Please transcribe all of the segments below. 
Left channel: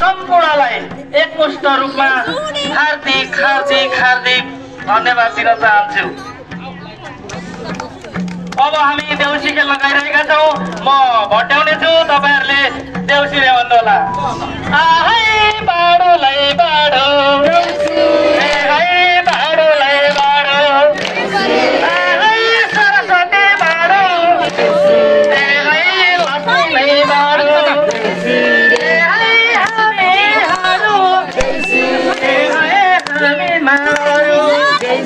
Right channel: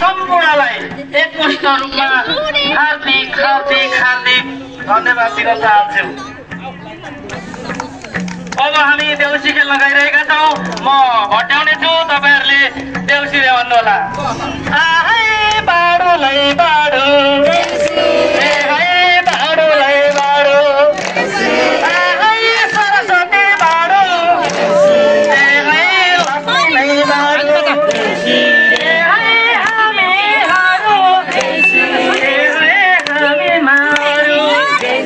सम्पूर्णलाई एकमुष्ट रूपमा हार्दिक हार्दिक हार्दिक धन्यवाद दिन चाहन्छु। अब हामी देउसी खेल लगाइरहेका छौँ। म भट्याउने छु, तपाईहरुले देउसी रे भन्नुहोला। आहै बाडोलाई बाडो, ए है बाडोलाई बाडो, आहै सरस्वती बाडो, ए है लक्ष्मीलाई बाडो, ए है हामी हारो, ए है हामी मारो, ए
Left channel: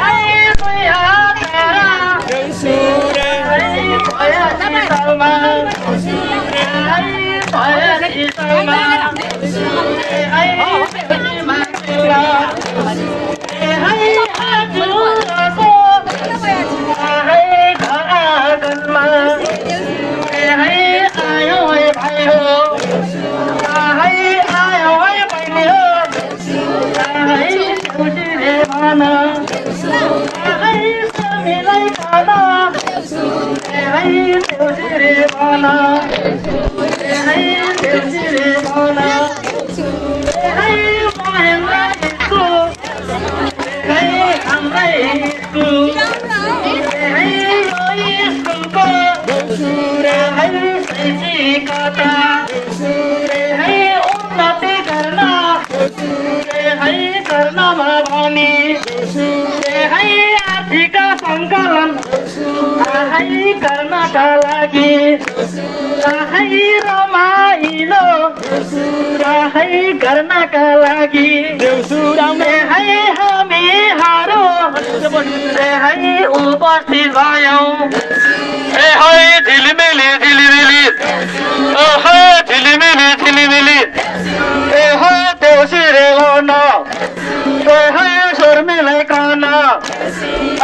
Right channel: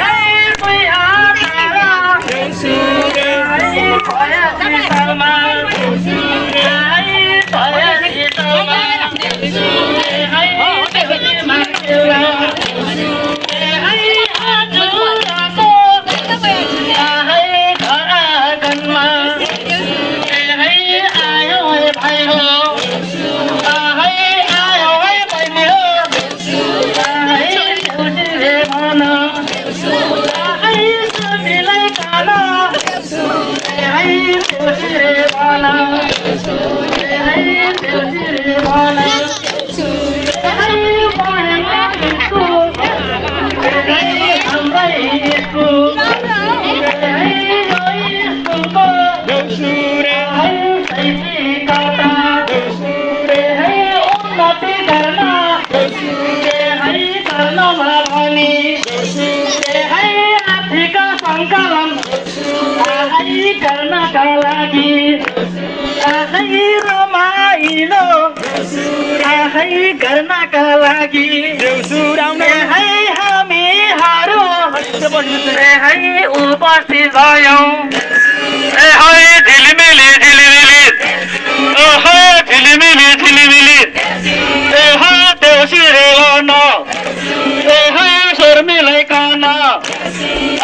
है कोही हारा, भया शीतलमा, ए है भया शीतलमा, ए है मान्छेमा, ए है आजुराको, आहै घर आँगनमा, ए है आयो है भाइ हो, आहै आयो है बहिनी हो, आहै देउसी रे भन, आहै सबैलाई खान, ए है देउसी रे भन, ए है देउसी रे भन, ए है महेन्द्रको, ए है हाम्रै स्कुल, ए है यो स्कुलको, ए है शैक्षिकता, ए है उन्नति गर्न, ए है गर्नमा भनी, ए है आर्थिक सङ्कलन, आहै गर्नका लागि, आहै रमाइलो, आहै गर्नका लागि, ए है हामीहरू, ए है उपस्थित भयौँ, ए है झिलिमिली झिलिमिली, ए है झिलिमिली झिलिमिली, ए है देउसी रे भन, ए है शर्मिलाई कान,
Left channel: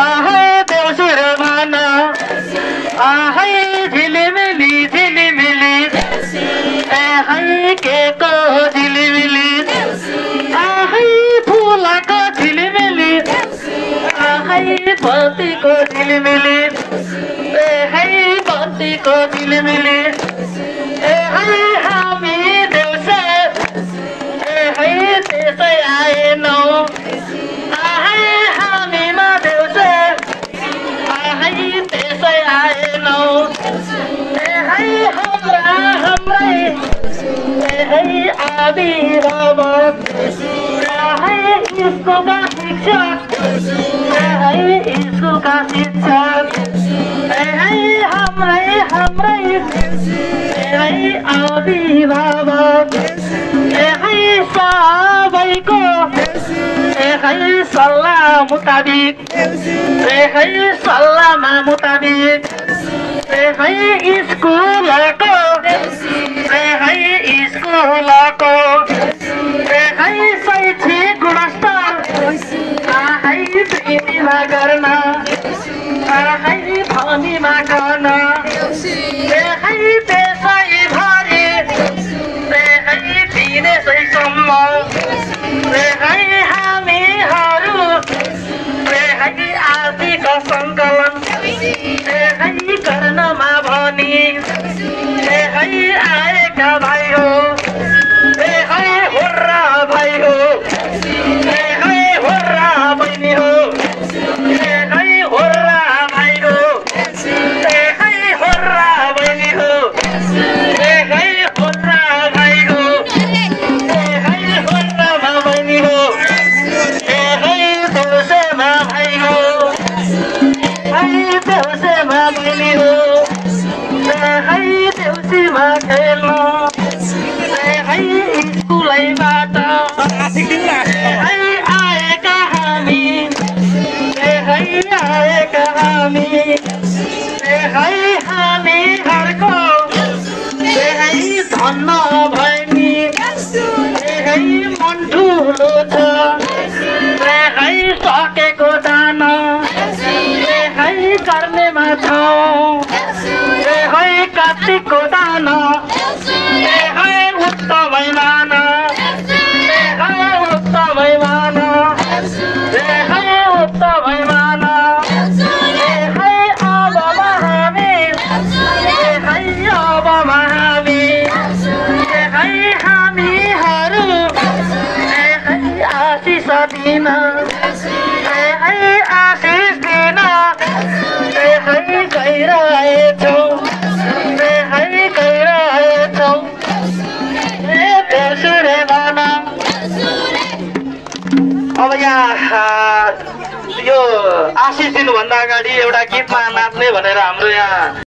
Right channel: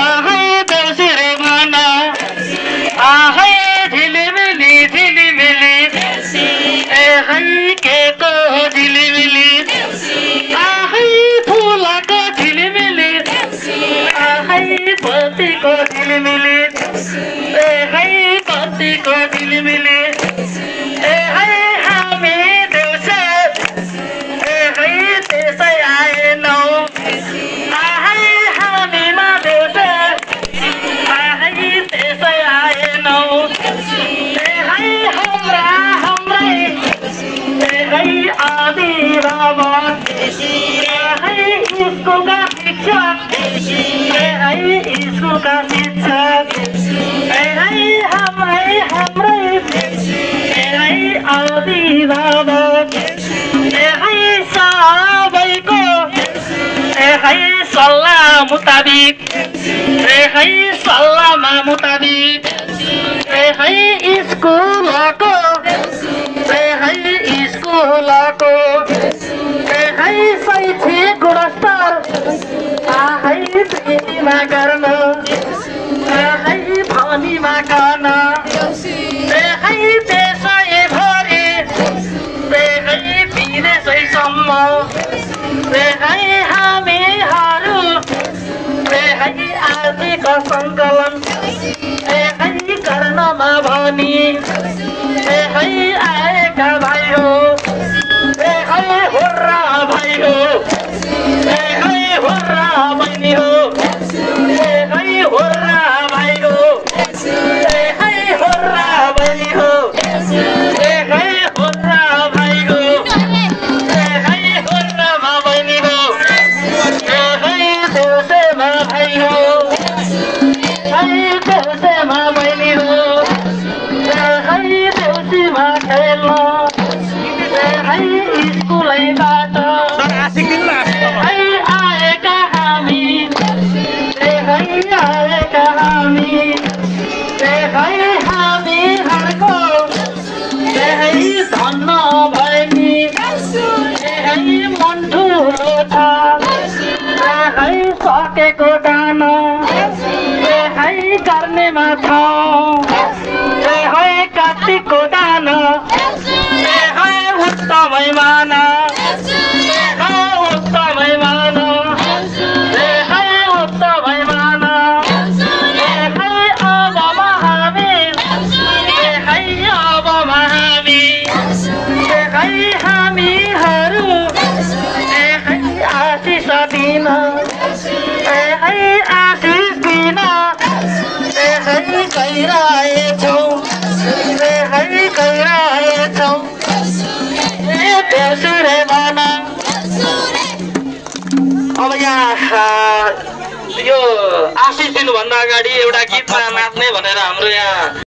आहै देउसी रे भन, आहै झिलिमिली झिलिमिली, ए है केको झिलिमिली, आहै फुलको झिलिमिली, आहै बत्तीको झिलिमिली, ए है बत्तीको झिलिमिली, ए है हामी देउसा, ए है त्यसै आएनौ, आहै हामीमा देउसा, आहै त्यसै आएनौ, ए है हाम्रै, ए है अभिभावक, आहै स्कुलका शिक्षक, ए है स्कुलका शिक्षक, ए है हाम्रै, ए है अभिभावक, ए है सबैको, ए है सल्लाह मुताबिक, ए है सल्लाहमा मुताबिक, ए है स्कुलको, ए है स्कुलको, ए है शैक्षिक गुणस्तर, आहै वृद्धिमा गर्न, आहै भनीमा गर्न, ए है देशैभरि, ए है विदेशैसम्म, ए है हामीहरू, ए है आर्थिक सङ्कलन, ए है गर्नमा भनी, ए है आएका भाइ हो, ए है हुर्रा भाइ हो, ए है हुर्रा बहिनी हो, ए है हुर्रा भाइ हो, ए है हुर्रा बहिनी हो, ए है हुर्रा भाइ हो, ए है हुर्रामा बहिनी हो, ए है देउसेमा भाइ हो, है देउसेमा बहिनी हो, ए है देउसीमा खेल्नु, ए है स्कुलैबाट, ए है आएका हामी, ए है आएका हामी, ए है हामीहरूको, ए है धन्न भएनी, ए है मन ठुलो छ, ए है सकेको दान, ए है गर्नेमा छौँ, ए है कार्तिकको दान, ए है उत्तमै मान, ए है उत्तमै मान, ए है उत्तमै मान, ए है अब हामी, ए है अब हामी, ए है हामी अब यहाँ यो आशिष दिनुभन्दा अगाडि एउटा गीतमा नाच्ने भनेर हाम्रो यहाँ